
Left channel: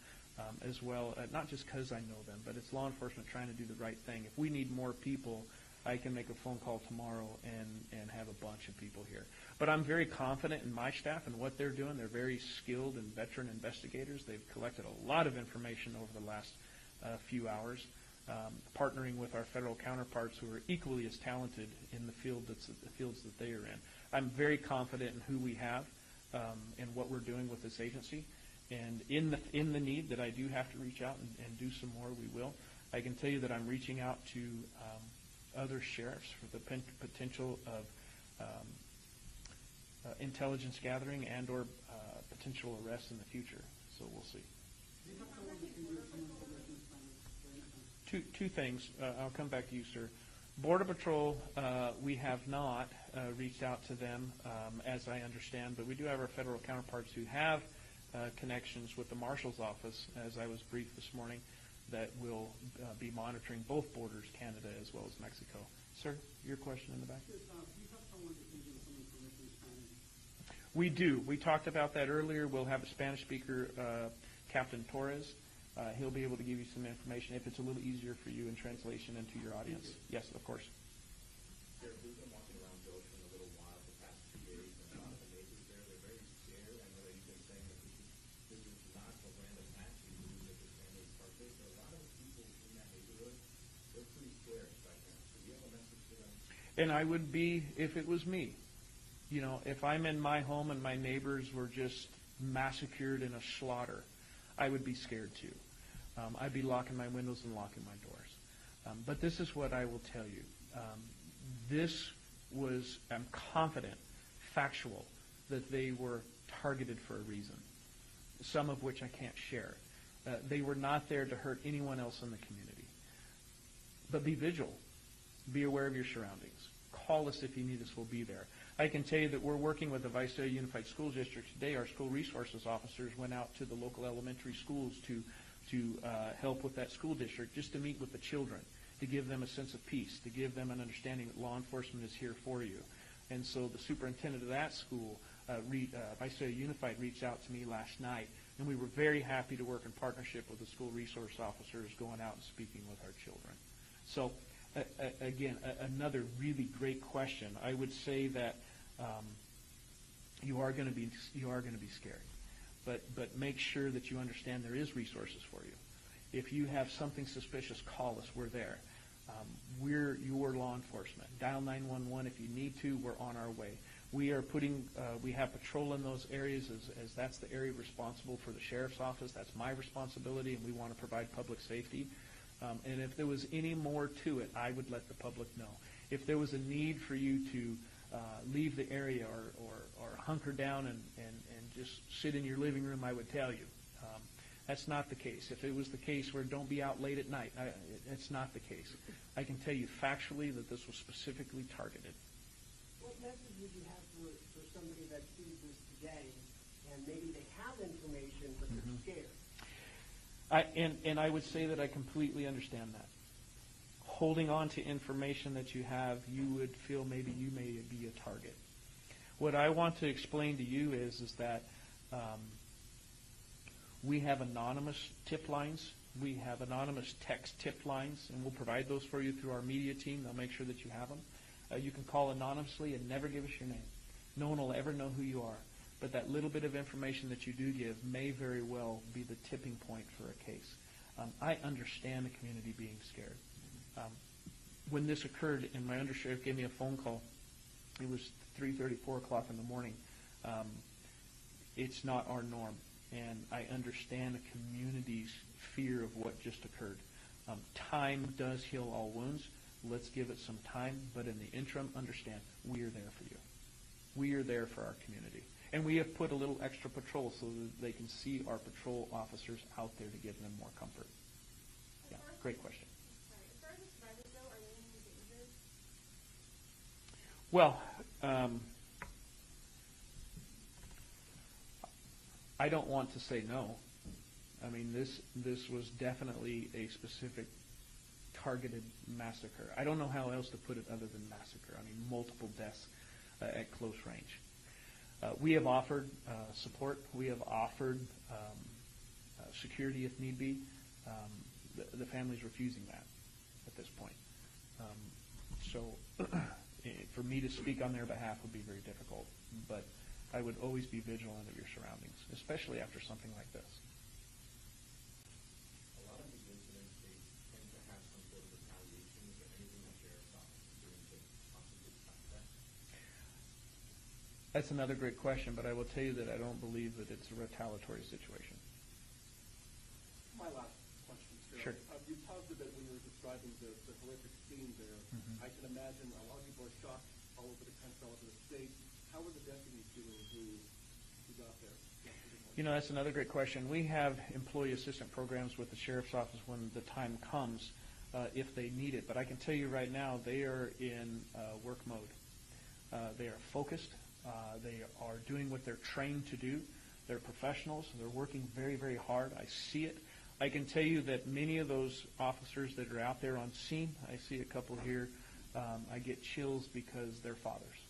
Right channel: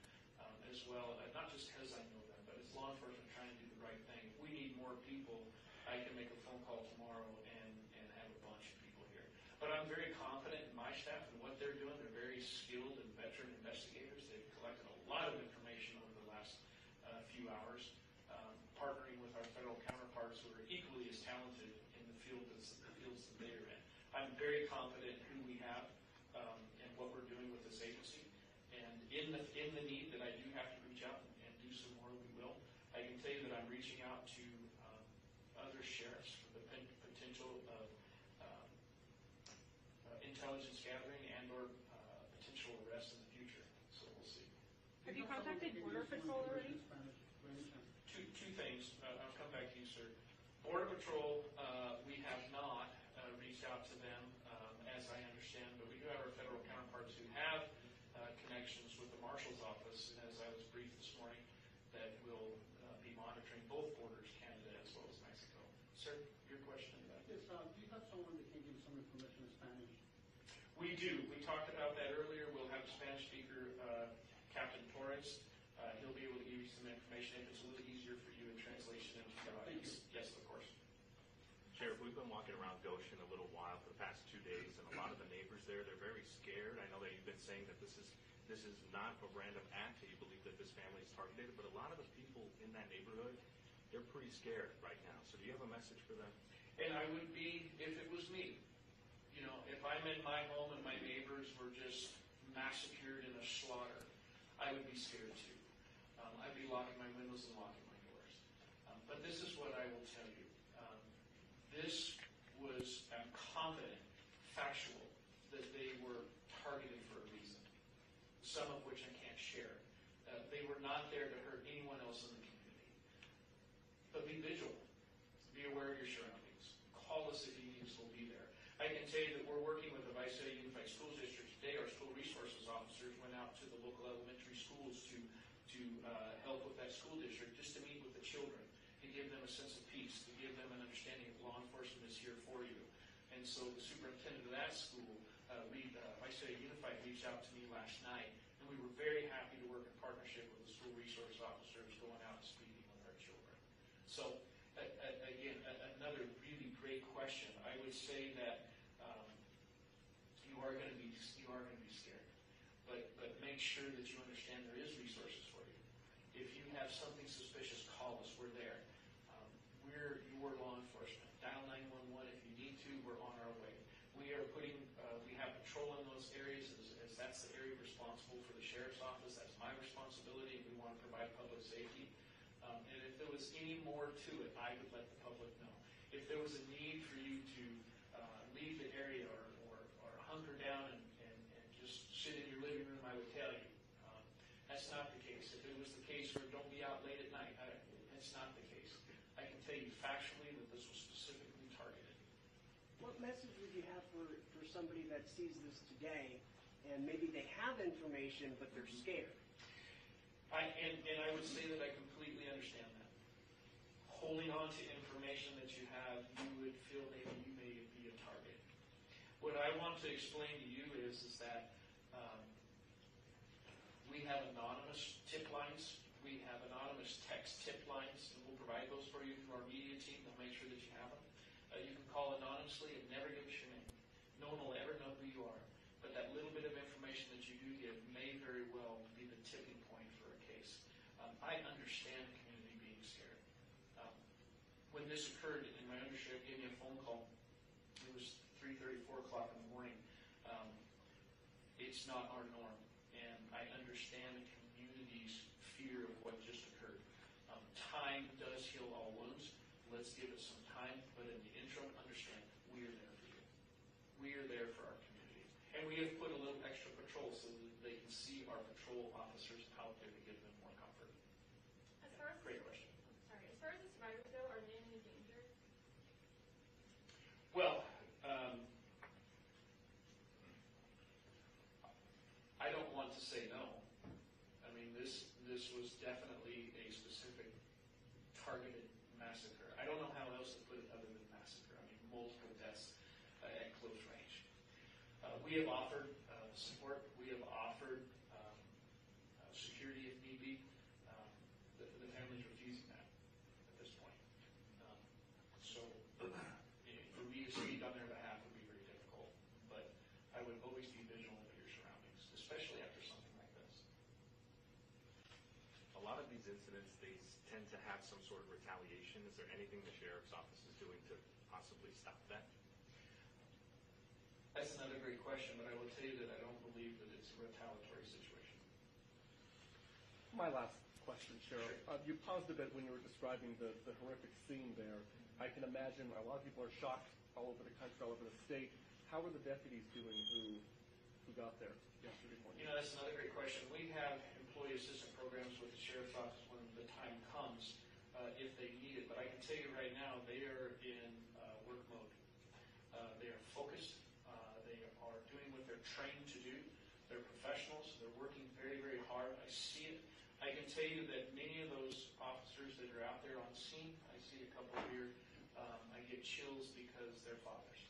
as well, not just because I know them, but it's law enforcement trying to do the right thing. If we need more people, I can make a phone call tomorrow and have a bunch of people here. But I'm very confident in my staff and what they're doing. They're very skilled and veteran investigators. They've collected a lot of information over the last few hours, partnering with our federal counterparts who are equally as talented in the fields that they are in. I'm very confident in who we have and what we're doing with this agency. And in the need that I do have to reach out and do some more, we will. I can tell you that I'm reaching out to other sheriffs for the potential of intelligence gathering and or potential arrests in the future. So we'll see. Have you contacted Border Patrol already? Two things. I'll come back to you, sir. Border Patrol, we have not reached out to them, as I understand, but we do have our federal counterparts who have connections with the Marshal's Office, as I was briefed this morning, that will be monitoring both borders, Canada as well as Mexico. Sir, your question in the back? Yes, do you have someone that can give some information in Spanish? We do. We talked about that earlier. We'll have a Spanish speaker, Captain Torres. He'll be able to give you some information if it's a little easier for you in translation into your audience. Yes, of course. Sheriff, we've been walking around Goshen a little while for the past 2 days, and a lot of the neighbors there, they're very scared. I know that you've been saying that this is not a random act, and you believe that this family is targeted, but a lot of the people in that neighborhood, they're pretty scared right now. So do you have a message for them? And I would be, if it was me, if I'm in my home and my neighbors were just massacred in a slaughter, I would be scared too. I'd be locking my windows and locking my doors. But this is what I will tell you. This was, I'm confident, factual, that they were targeted for a reason, some of which I can't share. They were not there to hurt anyone else in the community. But be vigilant. Be aware of your surroundings. Call us if you need us. We'll be there. I can tell you that we're working with the Visalia Unified School District today. Our school resources officers went out to the local elementary schools to help with that school district, just to meet with the children, to give them a sense of peace, to give them an understanding that law enforcement is here for you. And so the superintendent of that school, Visalia Unified, reached out to me last night, and we were very happy to work in partnership with the school resource officers going out and speaking with our children. So, again, another really great question. I would say that you are going to be scared, but make sure that you understand there is resources for you. If you have something suspicious, call us. We're there. We're your law enforcement. Dial 911 if you need to. We're on our way. We are we have patrol in those areas as that's the area responsible for the sheriff's office. That's my responsibility, and we want to provide public safety. And if there was any more to it, I would let the public know. If there was a need for you to leave the area or hunker down and just sit in your living room, I would tell you. That's not the case. If it was the case where don't be out late at night, it's not the case. I can tell you factually that this was specifically targeted. What message would you have for somebody that sees this today, and maybe they have information, but they're scared? And I would say that I completely understand that. Holding on to information that you have, you would feel maybe you may be a target. What I want to explain to you is that we have anonymous tip lines. We have anonymous text tip lines, and we'll provide those for you through our media team. They'll make sure that you have them. You can call anonymously and never give us your name. No one will ever know who you are. But that little bit of information that you do give may very well be the tipping point for a case. I understand the community being scared. When this occurred, and my undersheriff gave me a phone call, it was 3:30, 4 o'clock in the morning. It's not our norm, and I understand the community's fear of what just occurred. Time does heal all wounds. Let's give it some time, but in the interim, understand, we are there for you. We are there for our community. And we have put a little extra patrol so that they can see our patrol officers out there to give them more comfort. Yeah, great question. Sorry, as far as the survivors go, are they in any danger? Well, I don't want to say no. I mean, this was definitely a specific targeted massacre. I don't know how else to put it other than massacre. I mean, multiple deaths at close range. We have offered support. We have offered security if need be. The family's refusing that at this point. So for me to speak on their behalf would be very difficult. But I would always be vigilant of your surroundings, especially after something like this. A lot of these incidents, they tend to have some sort of retaliation. Is there anything the sheriff's office is doing to possibly stop that? That's another great question, but I will tell you that I don't believe that it's a retaliatory situation. My last question, Sheriff. Sure. You paused a bit when you were describing the horrific scene there. Mm-hmm. I can imagine a lot of people are shocked all over the country, all over the state. How are the deputies doing who got there yesterday morning? You know, that's another great question. We have employee assistant programs with the sheriff's office when the time comes if they need it. But I can tell you right now, they are in work mode. They are focused. They are doing what they're trained to do. They're professionals. They're working very, very hard. I see it. I can tell you that many of those officers that are out there on scene, I see a couple here, I get chills because they're fathers.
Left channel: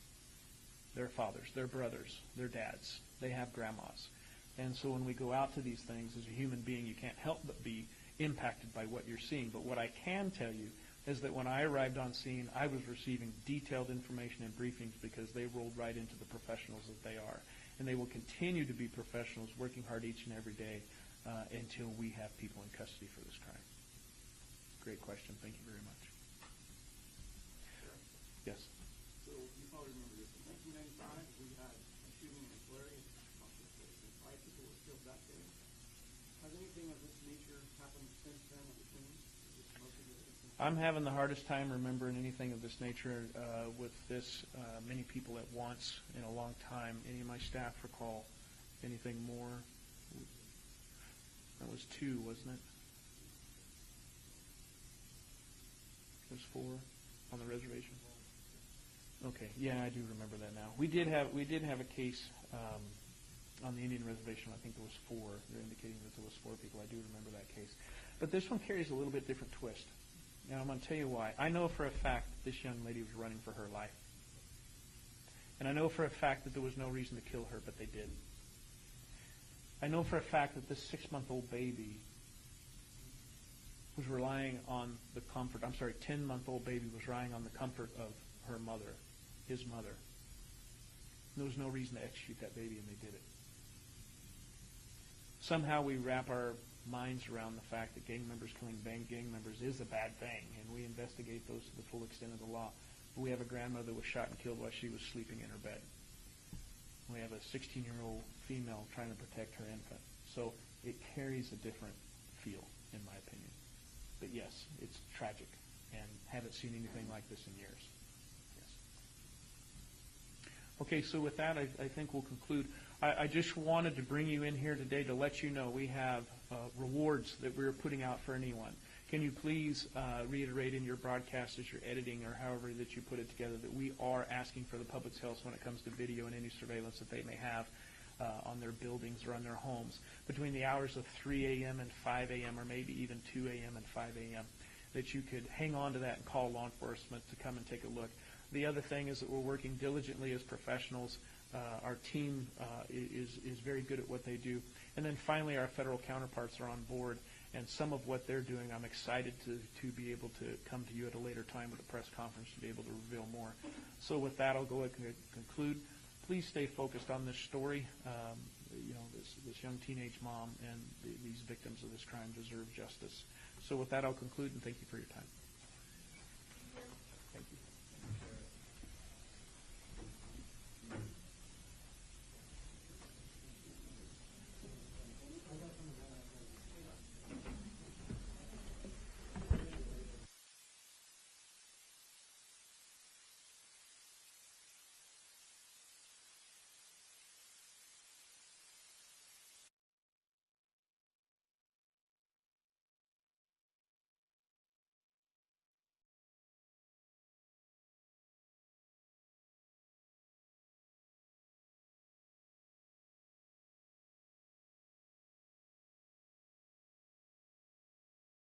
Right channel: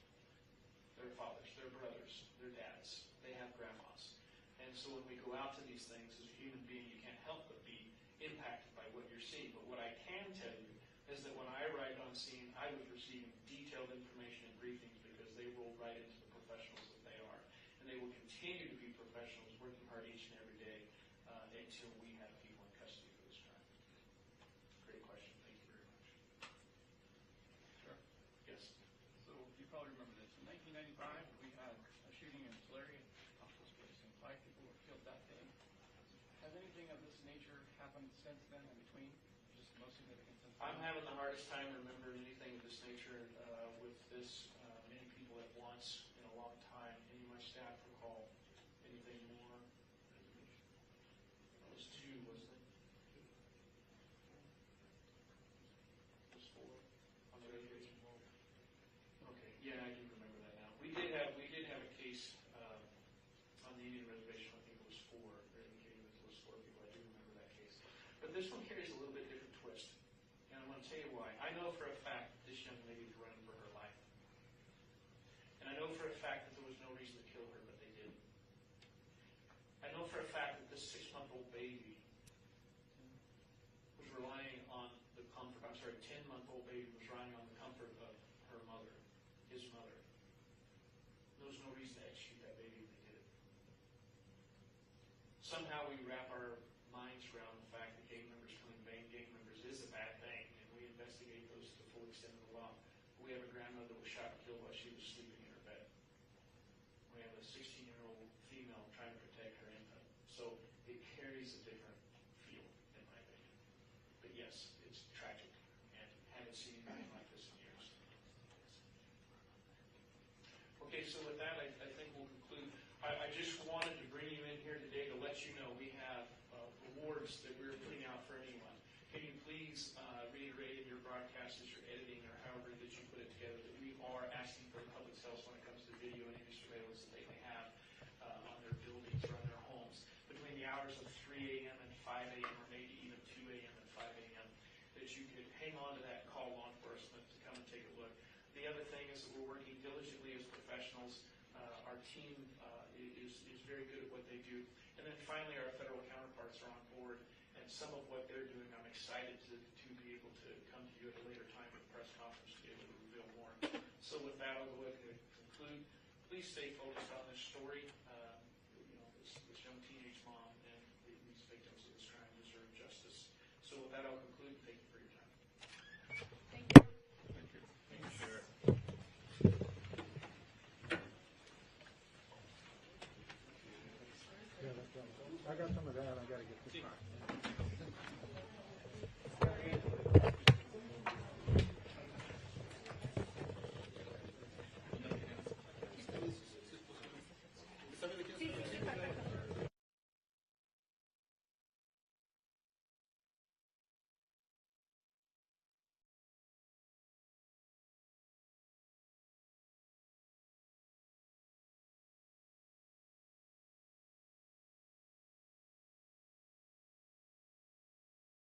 They're fathers. They're brothers. They're dads. They have grandmas. And so when we go out to these things, as a human being, you can't help but be impacted by what you're seeing. But what I can tell you is that when I arrived on scene, I was receiving detailed information and briefings because they rolled right into the professionals that they are. And they will continue to be professionals working hard each and every day until we have people in custody for this crime. Great question. Thank you very much. Sure. Yes. So you probably remember this. In 1995, we had a shooting in Tulare, off this place, and 5 people were killed that day. Has anything of this nature happened since then in between? Is this most significant? I'm having the hardest time remembering anything of this nature with this many people at once in a long time. Any of my staff recall anything more? That was 2, wasn't it? It was 4 on the reservation. Okay, yeah, I do remember that now. We did have a case on the Indian reservation. I think it was 4. They're indicating that there was 4 people. I do remember that case. But this one carries a little bit different twist. Now, I'm going to tell you why. I know for a fact that this young lady was running for her life. And I know for a fact that there was no reason to kill her, but they did. I know for a fact that this 6-month-old baby was relying on the comfort. 10-month-old baby was relying on the comfort of her mother, his mother. There was no reason to execute that baby, and they did it. Somehow we wrap our minds around the fact that gang members killing gang members is a bad thing, and we investigate those to the full extent of the law. We have a grandmother who was shot and killed while she was sleeping in her bed. We have a 16-year-old female trying to protect her infant. So it carries a different feel, in my opinion. But yes, it's tragic, and haven't seen anything like this in years. Yes. Okay, so with that, I think we'll conclude. I just wanted to bring you in here today to let you know we have rewards that we're putting out for anyone. Can you please reiterate in your broadcast as you're editing or however that you put it together that we are asking for the public's help when it comes to video and any surveillance that they may have on their buildings or on their homes between the hours of 3 a.m. and 5 a.m. or maybe even 2 a.m. and 5 a.m. that you could hang on to that and call law enforcement to come and take a look. The other thing is that we're working diligently as professionals. Our team is very good at what they do. And then finally, our federal counterparts are on board. And some of what they're doing, I'm excited to be able to come to you at a later time at a press conference to be able to reveal more. So with that, I'll go ahead and conclude. Please stay focused on this story. This young teenage mom and these victims of this crime deserve justice. So with that, I'll conclude, and thank you for your time. Thank you. Thank you. Thank you, Sheriff.